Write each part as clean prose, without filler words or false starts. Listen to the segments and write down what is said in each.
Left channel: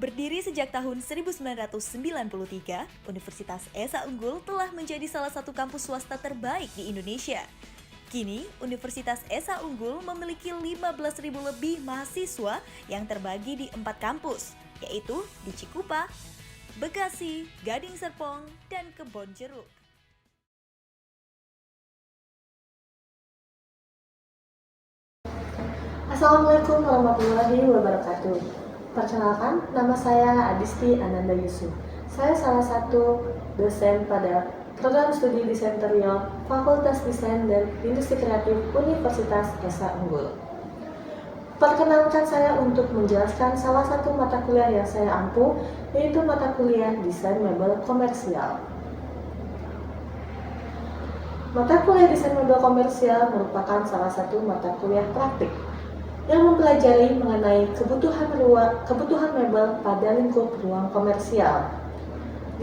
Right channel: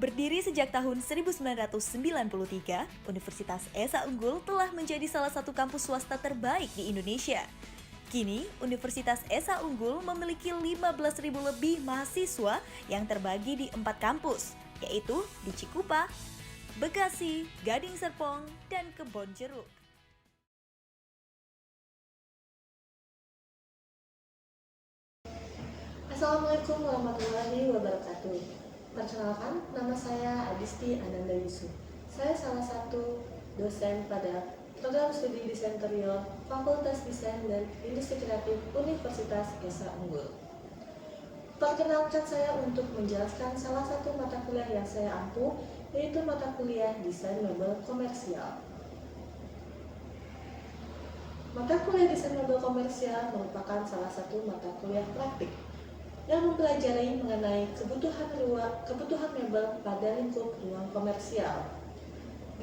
Berdiri sejak tahun 1993, Universitas Esa Unggul telah menjadi salah satu kampus swasta terbaik di Indonesia. Kini, Universitas Esa Unggul memiliki 15.000 lebih mahasiswa yang terbagi di 4 kampus, yaitu di Cikupa, Bekasi, Gading Serpong, dan Kebonjeruk. Assalamualaikum warahmatullahi wabarakatuh. Perkenalkan, nama saya Adisti Ananda Yusuf. Saya salah satu dosen pada program studi Desain Interior Fakultas Desain dan Industri Kreatif Universitas Esa Unggul. Perkenalkan saya untuk menjelaskan salah satu mata kuliah yang saya ampu, yaitu mata kuliah Desain Mebel Komersial. Mata kuliah Desain Mebel Komersial merupakan salah satu mata kuliah praktik yang mempelajari mengenai kebutuhan mebel pada lingkup ruang komersial.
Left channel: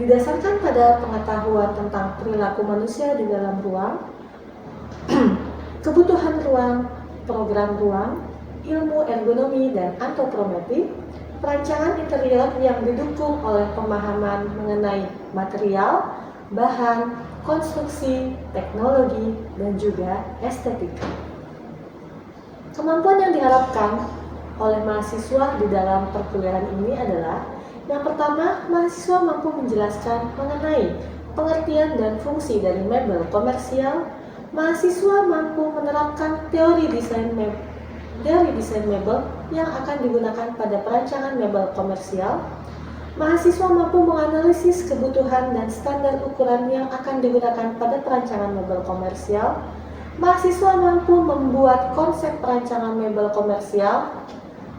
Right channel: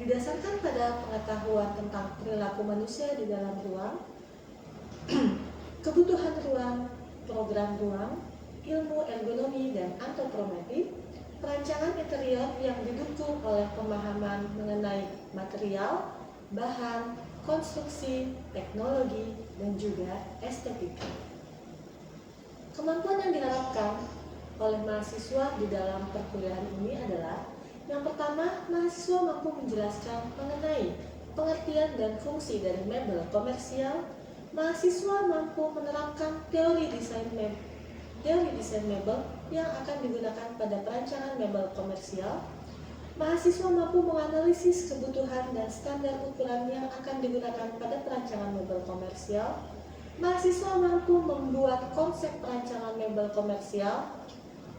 Didasarkan pada pengetahuan tentang perilaku manusia di dalam ruang, kebutuhan ruang, program ruang, ilmu ergonomi dan antropometri, perancangan interior yang didukung oleh pemahaman mengenai material, bahan, konstruksi, teknologi, dan juga estetika. Kemampuan yang diharapkan oleh mahasiswa di dalam perkuliahan ini adalah: yang pertama, mahasiswa mampu menjelaskan mengenai pengertian dan fungsi dari mebel komersial. Mahasiswa mampu menerapkan teori desain mebel yang akan digunakan pada perancangan mebel komersial. Mahasiswa mampu menganalisis kebutuhan dan standar ukuran yang akan digunakan pada perancangan mebel komersial. Mahasiswa mampu membuat konsep perancangan mebel komersial,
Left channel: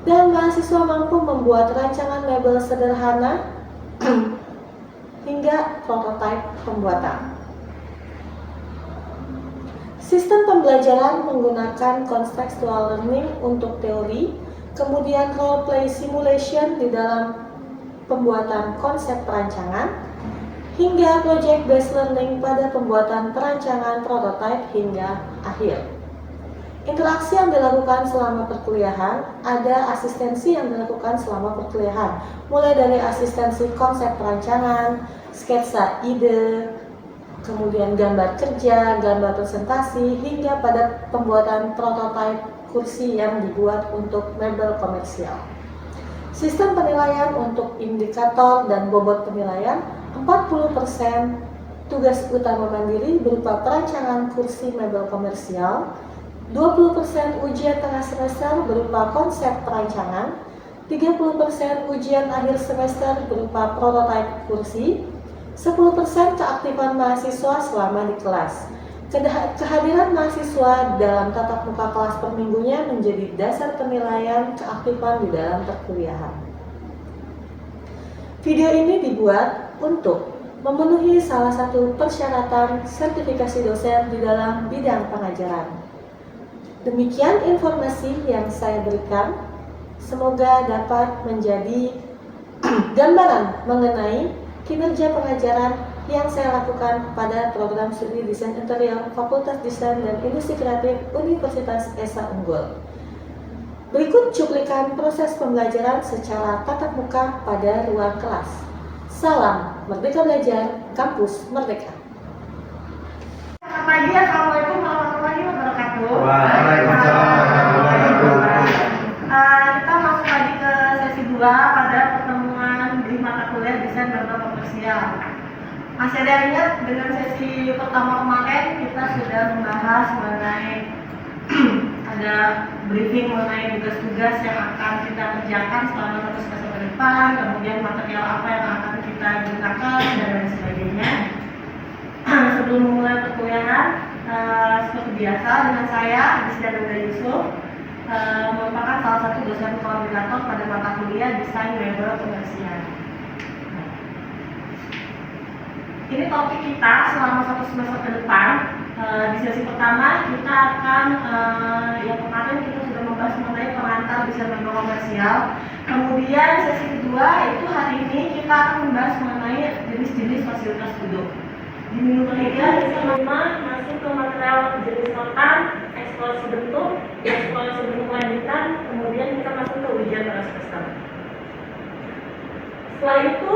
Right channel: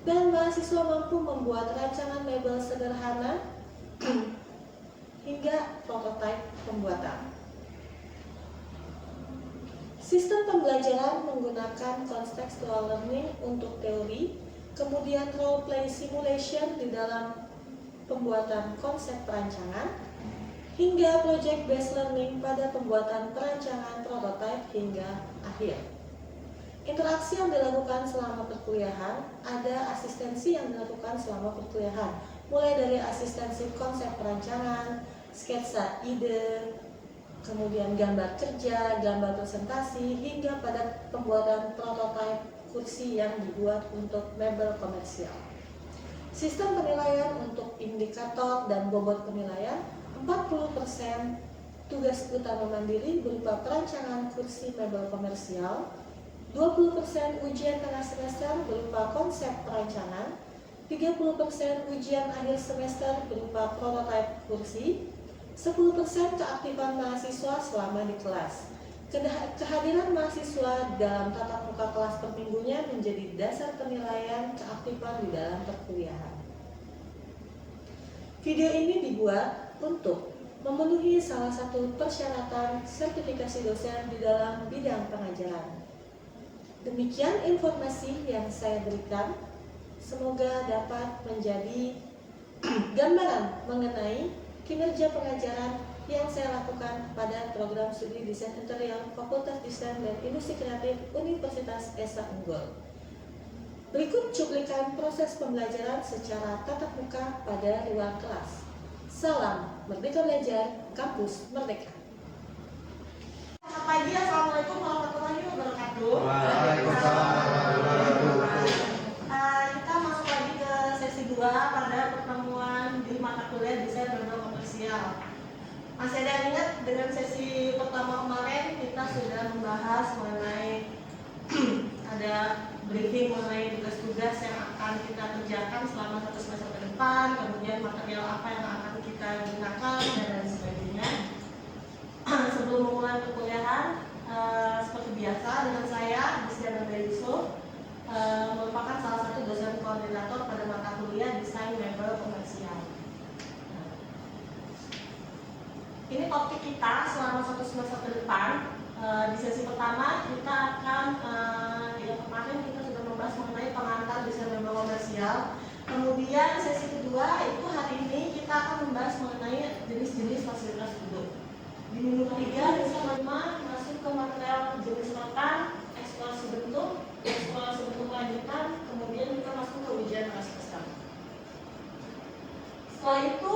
dan mahasiswa mampu membuat rancangan mebel sederhana hingga prototipe pembuatan. Sistem pembelajaran menggunakan contextual learning untuk teori, kemudian role play simulation di dalam pembuatan konsep perancangan, hingga project based learning pada pembuatan perancangan prototipe hingga akhir. Interaksi yang dilakukan selama perkuliahan, ada asistensi yang dilakukan selama perkuliahan, mulai dari asistensi konsep perancangan, sketsa ide, kemudian gambar kerja, gambar presentasi, hingga pada pembuatan prototipe kursi yang dibuat untuk mebel komersial. Sistem penilaian untuk indikator dan bobot penilaian: 40% tugas utama mandiri berupa perancangan kursi mebel komersial, 20% ujian tengah semester berupa konsep perancangan, 30% ujian akhir semester berupa prototipe kursi, 10% keaktifan mahasiswa selama di kelas. Kehadiran mahasiswa dalam tatap muka kelas per minggunya menjadi dasar penilaian keaktifan di dalam perkuliahan. Video ini dibuat untuk memenuhi salah satu persyaratan sertifikasi dosen di dalam bidang pengajaran. Demikian informasi yang saya berikan. Semoga dapat menjadi gambaran mengenai kinerja pengajaran yang saya lakukan pada program studi Desain Interior Fakultas Desain dan Industri Kreatif Universitas Esa Unggul. Berikut cuplikan proses pembelajaran secara tatap muka pada ruang kelas. Salam Merdeka Belajar, Kampus Merdeka. Selamat pagi, Assalamualaikum warahmatullahi wabarakatuh. Waalaikumsalam warahmatullahi wabarakatuh. Kita masuk lagi ke sesi 2 pada pertemuan di mata kuliah Desain Mebel Komersial. Masih ada yang ingat dengan sesi pertama kemarin kita sudah membahas mengenai ada briefing mengenai tugas-tugas yang akan kita kerjakan selama 1 semester ke depan, kemudian material apa yang akan kita gunakan dan lain sebagainya. Sebelum memulai perkuliahan, seperti biasa dengan saya Adisti Ananda Yusuf, merupakan salah satu dosen koordinator pada mata kuliah Desain Mebel Komersial. Ini topik kita selama 1 semester ke depan. Di sesi pertama kita akan yang kemarin kita sudah membahas mengenai pengantar desain mebel komersial. Kemudian sesi kedua itu hari ini kita akan membahas mengenai jenis-jenis fasilitas duduk. Di minggu ketiga kita masuk ke material jenis rotan, eksplorasi bentuk lanjutan, kemudian kita masuk ke ujian tengah semester. Setelah itu,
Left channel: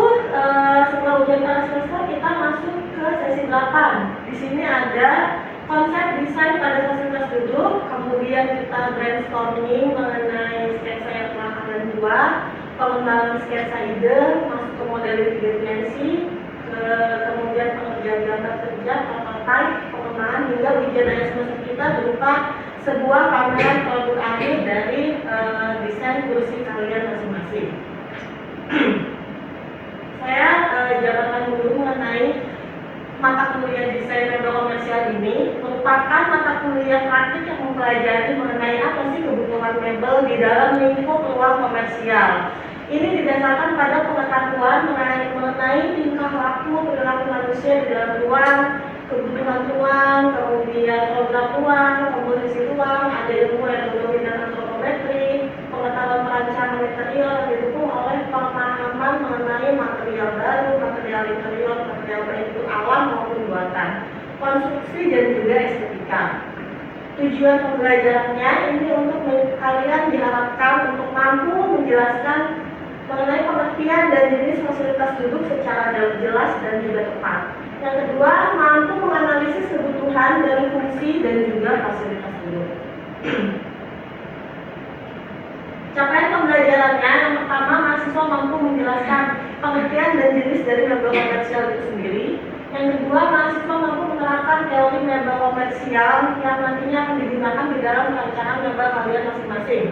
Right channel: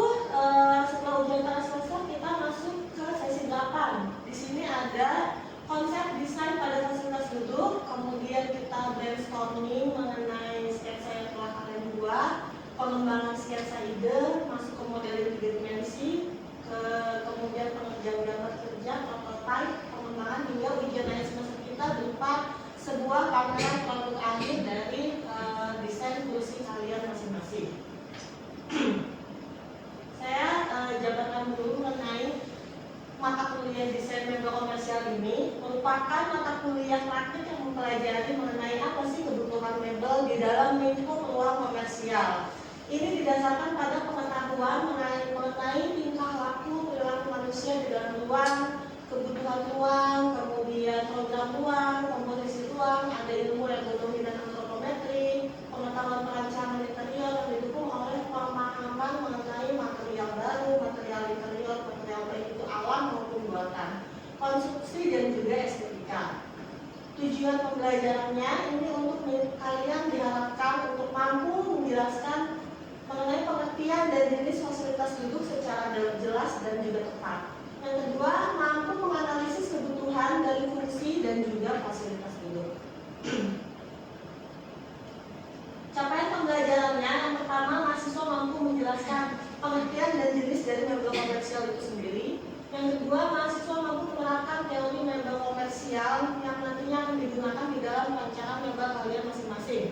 setelah ujian tanah selesai, kita masuk ke sesi 8. Di sini ada konsep desain pada fasilitas duduk, kemudian kita brainstorming mengenai sketsa yang telah kalian buat, pengembangan sketsa ide, masuk ke model 3 dimensi, kemudian pengerjaan gambar kerja, prototype, pengembangan hingga ujian akhir semester kita berupa sebuah pameran produk akhir dari desain kursi kalian masing-masing. Saya jabarkan dulu mengenai mata kuliah desain mebel komersial ini merupakan mata kuliah praktik yang mempelajari mengenai apa sih kebutuhan mebel di dalam lingkup ruang komersial. Ini didasarkan pada pengetahuan mengenai tingkah laku perilaku manusia di dalam ruang, kebutuhan ruang, kemudian program ruang, komposisi ruang, ada ilmu ergonomi dan antropometri, pengetahuan perancangan interior yang didukung oleh pemahaman mengenai material baru, material interior, material baik itu alam maupun buatan, konstruksi dan juga estetika. Tujuan pembelajarannya ini untuk kalian diharapkan untuk mampu menjelaskan mengenai pengertian dan jenis fasilitas duduk secara jelas dan juga tepat. Yang kedua, mampu menganalisis kebutuhan dari fungsi dan juga fasilitas duduk. Capaian pembelajarannya, yang pertama, mahasiswa mampu menjelaskan pengertian dan jenis dari mebel komersial itu sendiri. Yang kedua, mahasiswa mampu menerapkan teori mebel komersial yang nantinya akan digunakan di dalam rancangan mebel kalian masing-masing.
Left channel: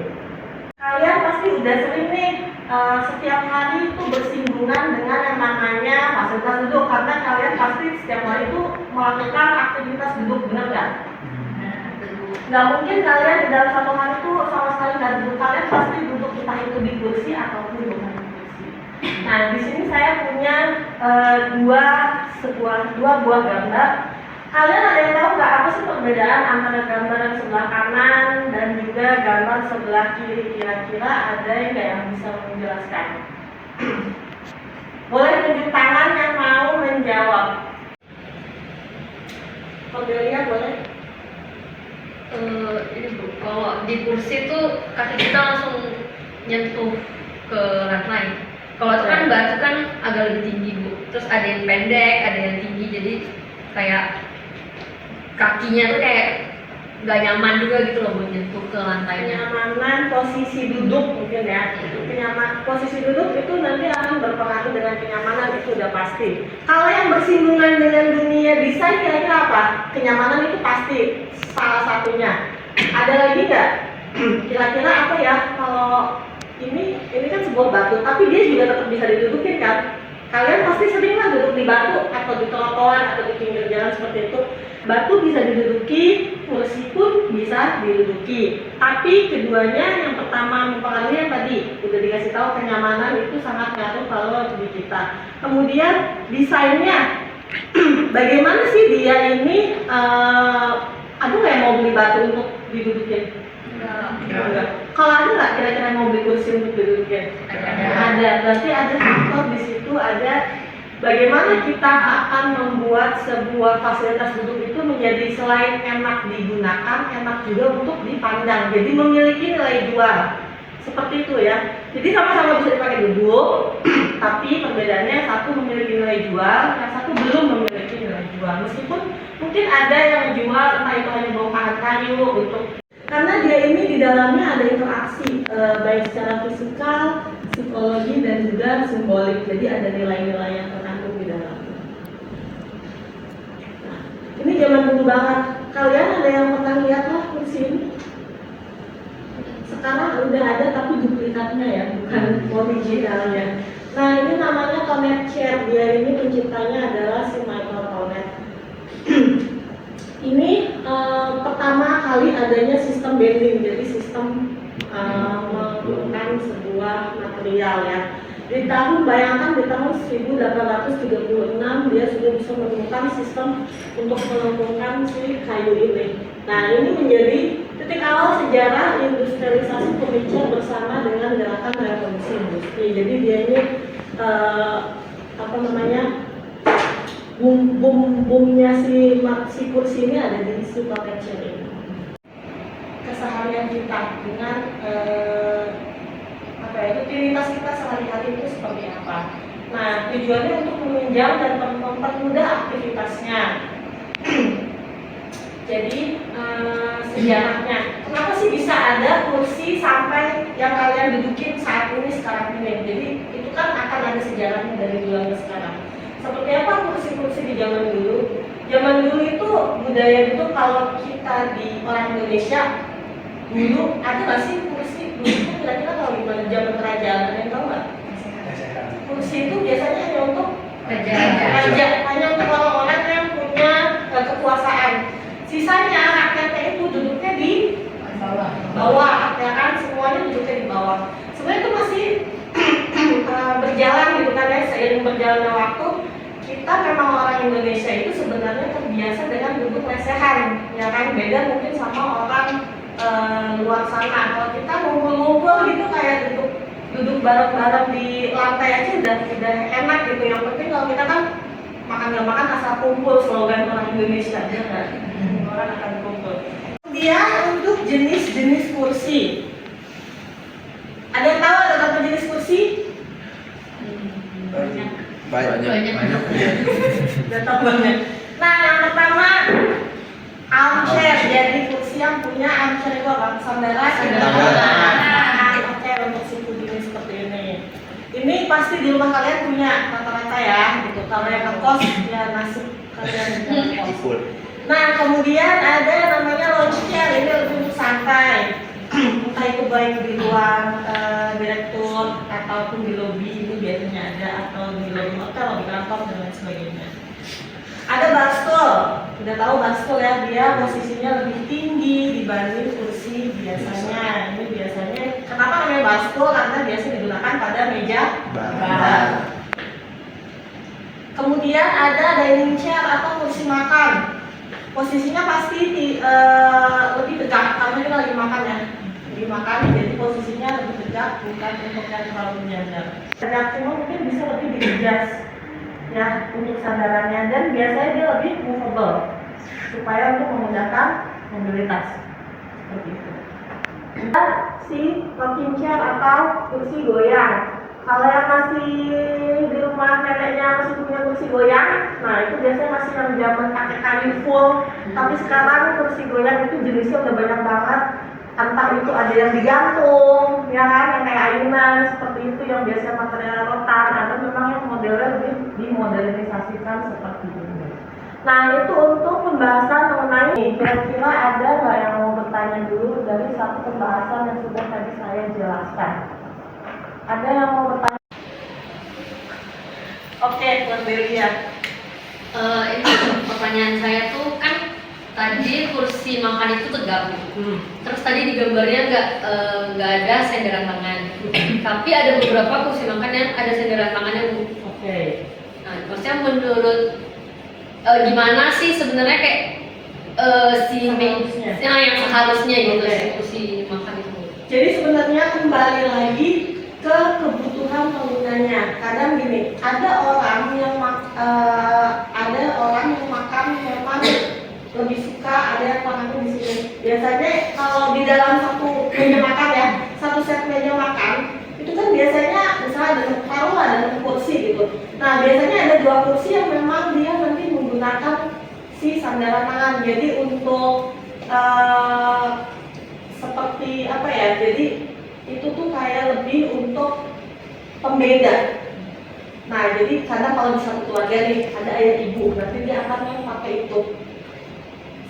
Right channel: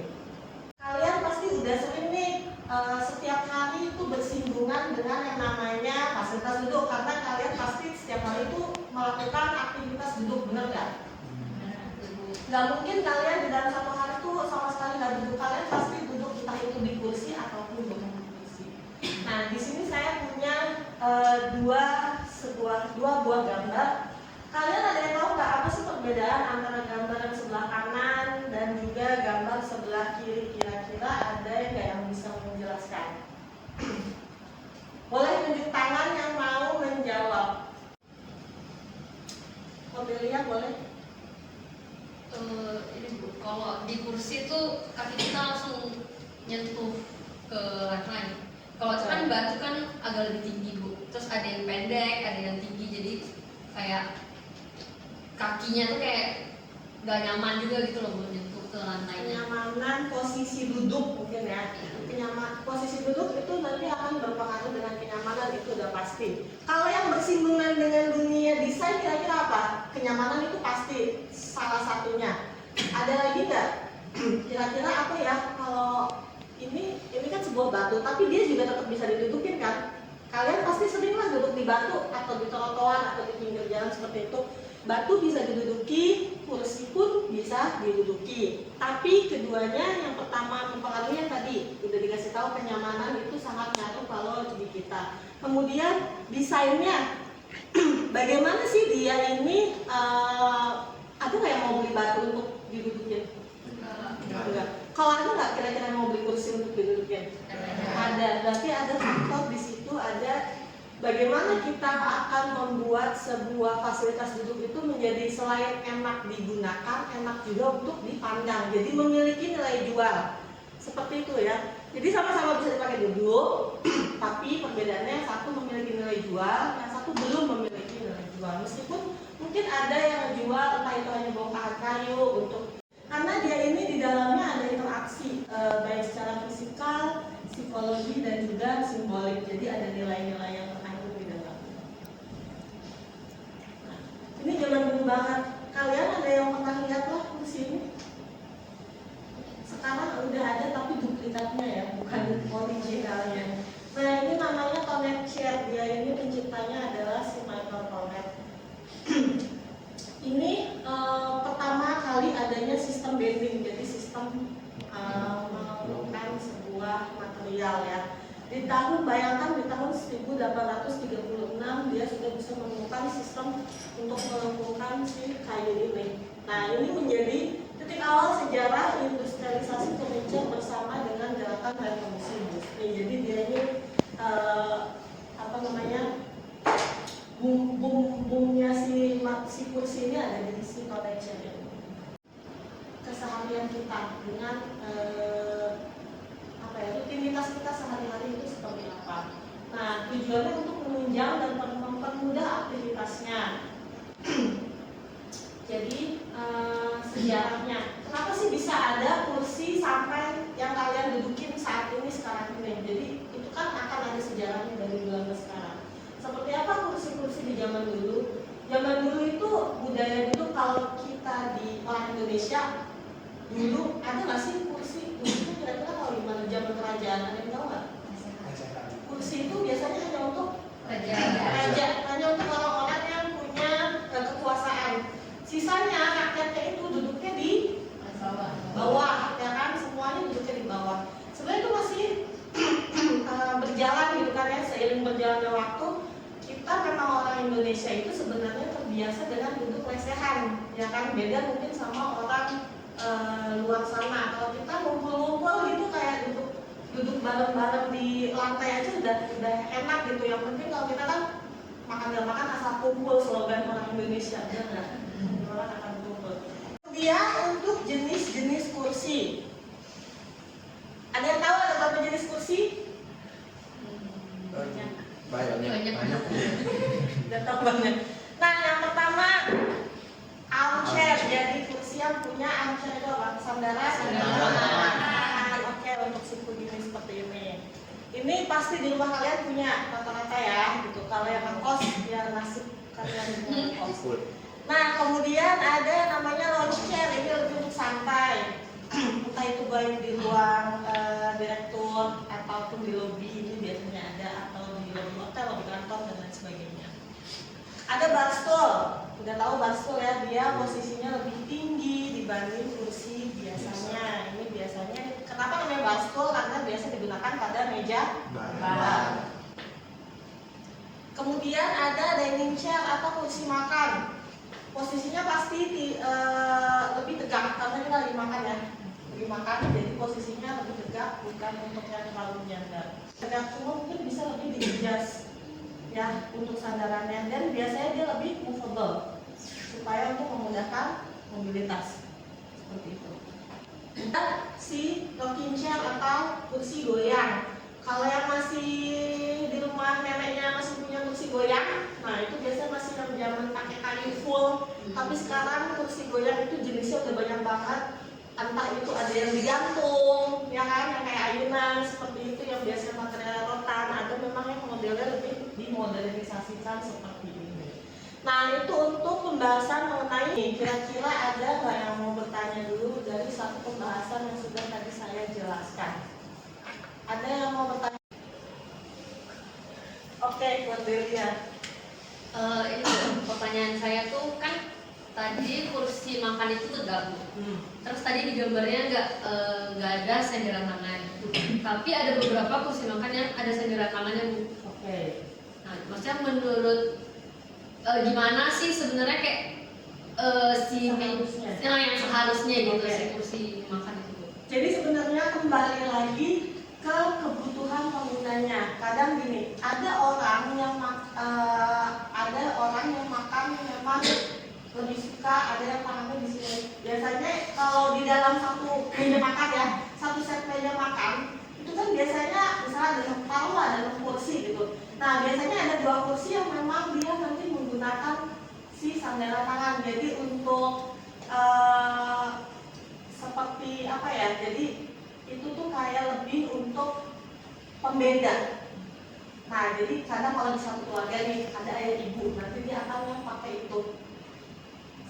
Kalian pasti udah sering nih setiap hari itu bersinggungan dengan yang namanya fasilitas duduk, karena kalian pasti setiap hari itu melakukan aktivitas duduk, benar nggak? Nggak mungkin kalian di dalam satu hari itu sama sekali nggak duduk. Kalian pasti duduk entah itu di kursi ataupun bukan di kursi. Nah, di sini saya punya dua buah gambar. Kalian ada yang tahu nggak apa sih perbedaan antara gambar yang sebelah kanan dan juga gambar sebelah kiri? Kira-kira ada yang bisa menjelaskan? Boleh tunjuk tangan yang mau menjawab. Cordelia boleh? Ini Bu, kalau di kursi tuh kaki kita langsung nyentuh ke lantai. Kalau itu kan batu kan agak lebih tinggi Bu. Terus ada yang pendek, ada yang tinggi, jadi kayak kakinya tuh kayak nggak nyaman juga gitu loh buat nyentuh ke lantainya. Kenyamanan posisi duduk mungkin ya. Posisi duduk itu nanti akan berpengaruh dengan kenyamanan, itu udah pasti. Kalau yang bersinggungan dengan dunia desain kira-kira apa? Kenyamanan itu pasti salah satunya. Ada lagi nggak? Kira-kira apa ya? Kalau ini kan sebuah batu, tapi dia juga tetap bisa didudukin kan? Kalian pasti sering lah duduk di batu atau di trotoar atau di pinggir jalan seperti itu. Batu bisa diduduki, kursi pun bisa diduduki. Tapi keduanya, yang pertama mempengaruhi yang tadi udah dikasih tahu, kenyamanan itu sangat ngaruh kalau di kita. Kemudian desainnya, bagaimana sih dia ini? Ada nggak yang mau beli batu untuk didudukin? Enggak. Kalau ada nggak kira-kira yang mau beli kursi untuk didudukin? Ada. Berarti ada faktor di situ, ada. Bagaimana kita akan membuat sebuah fasilitas duduk itu menjadi selain enak digunakan, enak juga untuk dipandang. Jadi memiliki nilai jual. Seperti itu ya. Jadi sama-sama bisa dipakai duduk, tapi perbedaannya satu memiliki nilai jual, yang satu belum memiliki nilai jual. Meskipun mungkin ada yang menjual entah itu hanya bongkahan kayu untuk, karena dia ini di dalamnya ada interaksi baik secara fisikal, psikologi dan juga simbolik. Jadi ada nilai-nilai yang terkandung di dalamnya. Nah, ini zaman dulu banget. Kalian ada yang pernah lihat lah kursi ini? Sekarang udah ada tapi duplikatnya ya, bukan originalnya. Nah, ini namanya Tonet Chair. Dia ini penciptanya adalah si Michael Tonet. Ini pertama kali adanya sistem bending, jadi sistem menggunakan sebuah material ya. Di tahun, bayangkan di tahun 1836 dia sudah bisa menemukan sistem untuk melengkungkan si kayu ini. Nah, ini menjadi titik awal sejarah industrialisasi furniture bersama dengan gerakan revolusi industri. Jadi dia ini boomnya si kursi ini ada di si Tonet ini. Keseharian kita dengan rutinitas kita sehari-hari itu seperti apa? tujuannya untuk menunjang dan mempermudah aktivitasnya. Jadi sejarahnya, kenapa sih bisa ada kursi sampai yang kalian dudukin saat ini sekarang ini? Jadi itu kan akan ada sejarahnya dari dulu ke sekarang. Seperti apa kursi-kursi di zaman dulu? Zaman dulu itu budaya itu kalau kita di orang Indonesia dulu ada nggak sih kursi? Dulu itu kira-kira kalau gimana zaman kerajaan, ada yang tahu nggak? Kursi itu biasanya hanya untuk raja, hanya untuk orang-orang yang punya kekuasaan. Sisanya rakyatnya itu duduknya di bawah, ya kan? Semuanya duduknya di bawah. Sebenarnya itu masih berjalan gitu kan ya, seiring berjalannya waktu. Kita memang orang Indonesia itu sebenarnya terbiasa dengan duduk lesehan, ya kan? Beda mungkin sama orang luar sana. Kalau kita ngumpul-ngumpul gitu kayak duduk bareng-bareng di lantai aja udah enak gitu. Yang penting kalau kita kan makan nggak makan asal kumpul, slogan orang Indonesia, ya kan? Orang akan kumpul. Kemudian untuk jenis-jenis kursi, ada yang tahu ada berapa jenis kursi? Banyak. Udah tahu banget. Nah, yang pertama armchair. Jadi kursi yang punya armchair itu apa? Sandaran. Armchair untuk si puding seperti ini. Ini pasti di rumah kalian punya rata-rata ya. Gitu. Kalau yang ngekos ya nasib kalian ngekos. Nah, kemudian ada namanya lounge chair. Ini lebih untuk santai. Entah itu baik di ruang direktur ataupun di lobi, itu biasanya ada, atau di lobi hotel, di kantor dan lain sebagainya. Ada bar stool. Udah tahu bar stool ya, dia posisinya lebih tinggi dibanding kursi biasanya. Ini biasanya kenapa namanya bar stool? Karena biasa digunakan pada meja bar. Kemudian ada dining chair atau kursi makan. Posisinya pasti lebih tegak karena kita lagi makan ya. Lagi makan jadi posisinya lebih tegak, bukan untuk yang terlalu menyandar. Maksimal mungkin bisa lebih di-adjust ya untuk sandarannya, dan biasanya dia lebih movable supaya untuk memudahkan mobilitas seperti itu. Dan si rocking chair atau kursi goyang. Kalau yang masih di rumah neneknya masih punya kursi goyang, nah itu biasanya masih yang zaman pakai kayu full. Tapi sekarang kursi goyang itu jenisnya udah banyak banget. Entah itu ada yang digantung, ya kan, yang kayak ayunan seperti itu, yang biasanya material rotan, atau memang yang modelnya lebih dimodernisasikan seperti ini. Nah itu untuk pembahasan mengenai ini. Kira-kira ada nggak yang mau bertanya dulu dari satu pembahasan yang sudah tadi saya jelaskan? Ada yang mau bertanya? Oke, buat Delia. Ini pertanyaan saya tuh kan tadi kursi makan itu tegak. Terus tadi di gambarnya nggak ada senderan tangan. Tapi ada beberapa kursi makan yang ada senderan tangannya. Oke. Nah, maksudnya menurut gimana sih sebenarnya kayak yang seharusnya gitu si kursi makan itu. Jadi sebenarnya kembali lagi ke kebutuhan penggunanya. Kadang gini, ada orang yang makan memang lebih suka ada yang makannya di sini. Biasanya kalau di dalam satu meja makan ya, satu set meja makan itu kan biasanya misalnya ada kursi gitu. Nah biasanya ada 2 kursi yang memang dia nanti menggunakan si sandaran tangan. Jadi untuk seperti apa ya? Jadi itu tuh kayak lebih untuk pembeda. Nah jadi karena kalau di satu keluarga nih ada ayah ibu, berarti dia akan yang pakai itu.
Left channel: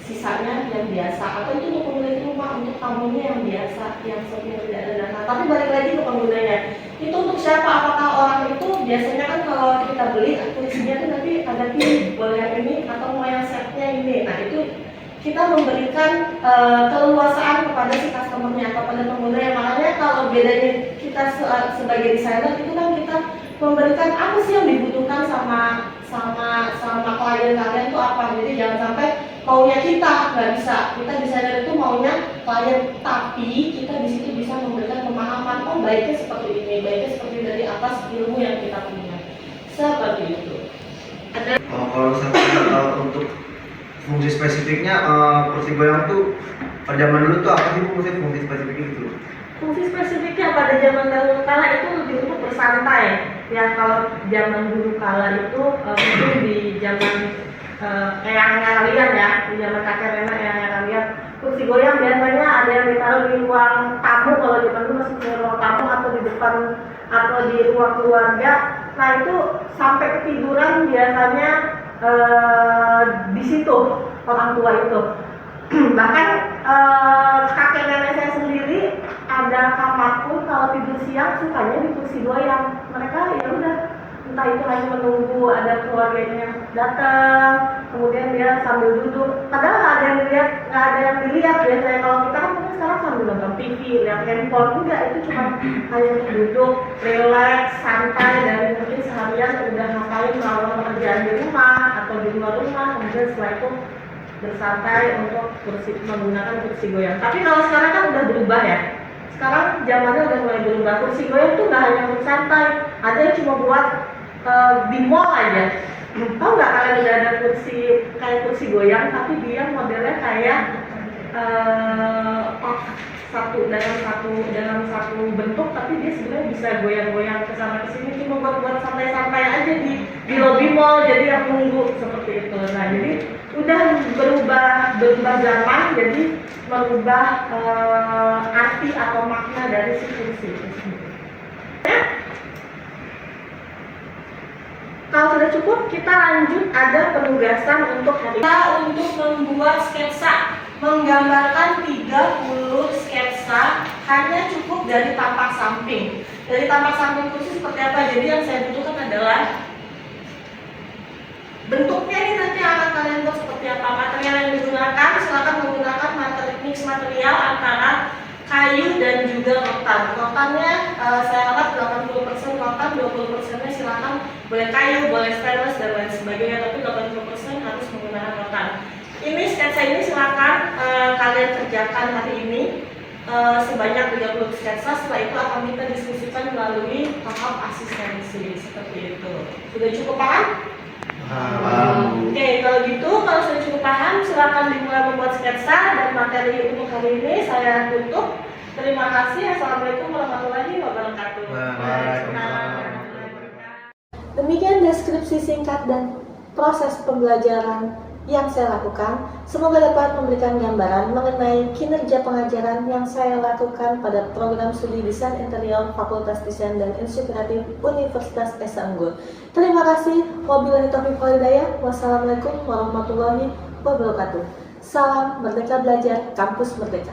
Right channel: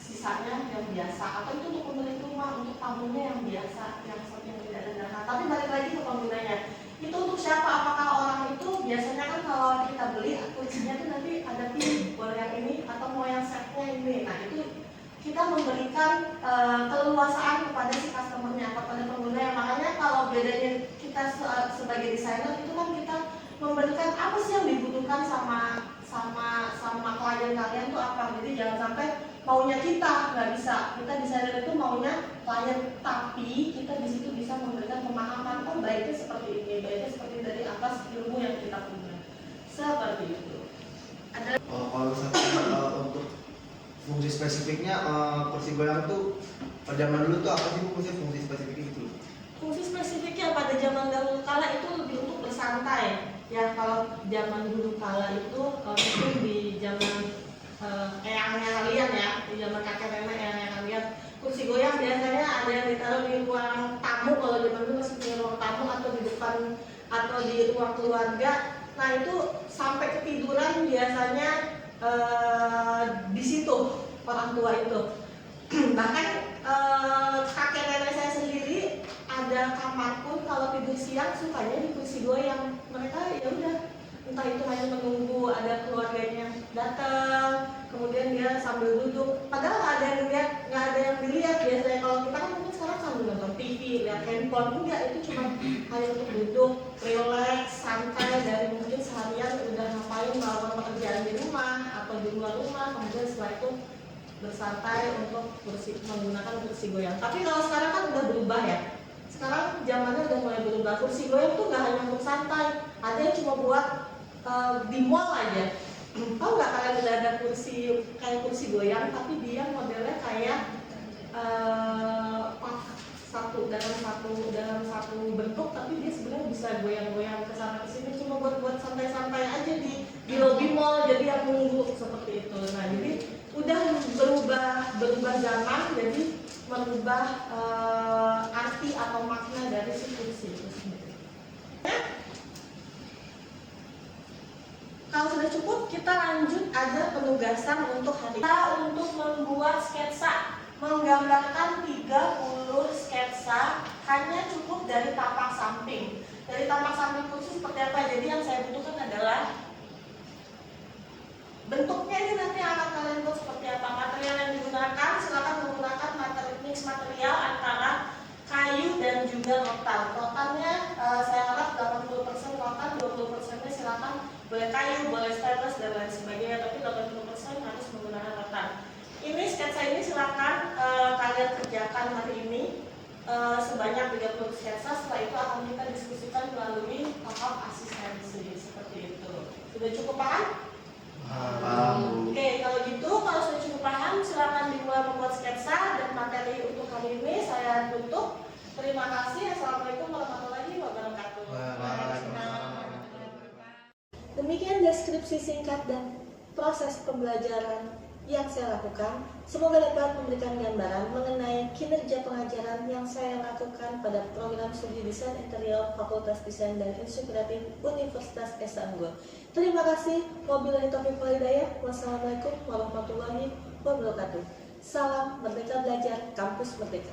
Sisanya yang biasa, atau itu untuk pemilik rumah, untuk tamunya yang biasa, yang seperti tidak ada dana. Tapi balik lagi ke penggunanya, itu untuk siapa? Apakah orang itu biasanya kan kalau kita beli kursinya tuh nanti ada pilih boleh yang ini atau mau yang setnya ini. Nah itu kita memberikan keleluasaan kepada si customernya, kepada penggunanya. Makanya kalau bedanya kita sebagai desainer itu kan kita memberikan apa sih yang dibutuhkan sama klien kalian itu apa. Jadi jangan sampai maunya kita nggak bisa. Kita desainer itu maunya klien, tapi kita di situ bisa memberikan pemahaman. Oh baiknya seperti ini, baiknya seperti dari atas ilmu yang kita punya. Seperti itu. Kalau misalnya untuk fungsi spesifiknya kursi goyang tuh pada zaman dulu tuh apa sih fungsi spesifiknya gitu? Fungsi spesifiknya pada zaman dahulu kala itu lebih untuk bersantai. Ya kalau zaman dulu kala itu mungkin di zaman eyangnya kalian ya, di zaman kakek nenek eyangnya kalian, kursi goyang biasanya ada yang ditaruh di ruang tamu, kalau zaman dulu masih di ruang tamu atau di depan atau di ruang keluarga. Nah itu sampai ketiduran biasanya di situ orang tua itu. Bahkan kakek nenek saya sendiri ada kamar pun kalau tidur siang sukanya di kursi goyang. Mereka ya udah, entah itu hanya menunggu ada keluarganya yang datang, kemudian dia sambil duduk. Padahal nggak ada yang dilihat biasanya. Kalau kita kan mungkin sekarang sambil nonton TV, lihat handphone, enggak, itu cuma hanya duduk, relax, santai dari mungkin seharian udah ngapain melakukan pekerjaan di rumah atau di luar rumah, kemudian setelah itu bersantai untuk menggunakan kursi goyang. Tapi kalau sekarang kan udah berubah ya. Sekarang zamannya udah mulai berubah. Kursi goyang tuh nggak hanya untuk santai, ada yang cuma buat di mall aja. Tahu nggak kalian udah ada kursi kayak kursi goyang, tapi dia modelnya kayak dalam satu bentuk, tapi dia sebenarnya bisa goyang-goyang ke sana ke sini, cuma buat santai-santai aja di lobby mall, jadi yang nunggu seperti itu. Nah jadi udah berubah zaman, jadi merubah arti atau makna dari si kursi itu sendiri. Kalau sudah cukup, kita lanjut ada penugasan untuk hari ini. Kita untuk membuat sketsa, menggambarkan 30 sketsa hanya cukup dari tampak samping. Dari tampak samping kursi seperti apa? Jadi yang saya butuhkan adalah bentuknya ini nanti akan kalian buat seperti apa. Material yang digunakan, silakan menggunakan mix material antara kayu dan juga rotan. Rotannya saya harap 80% rotan, 20%-nya silakan boleh kayu, boleh stainless dan lain sebagainya, tapi 80% harus menggunakan rotan. Ini sketsa ini silakan kalian kerjakan hari ini sebanyak 30 sketsa. Setelah itu akan kita diskusikan melalui tahap asistensi seperti itu. Sudah cukup paham? Oke, kalau gitu, kalau sudah cukup paham, silakan dimulai membuat sketsa dan materi untuk hari ini saya tutup. Terima kasih. Assalamualaikum warahmatullahi wabarakatuh. Demikian deskripsi singkat dan proses pembelajaran yang saya lakukan. Semoga dapat memberikan gambaran mengenai kinerja pengajaran yang saya lakukan pada program studi Desain Interior Fakultas Desain dan Industri Kreatif Universitas Esa Unggul. Terima kasih. Wabillahi taufiq wal hidayah. Wassalamualaikum warahmatullahi wabarakatuh. Salam Merdeka Belajar, Kampus Merdeka.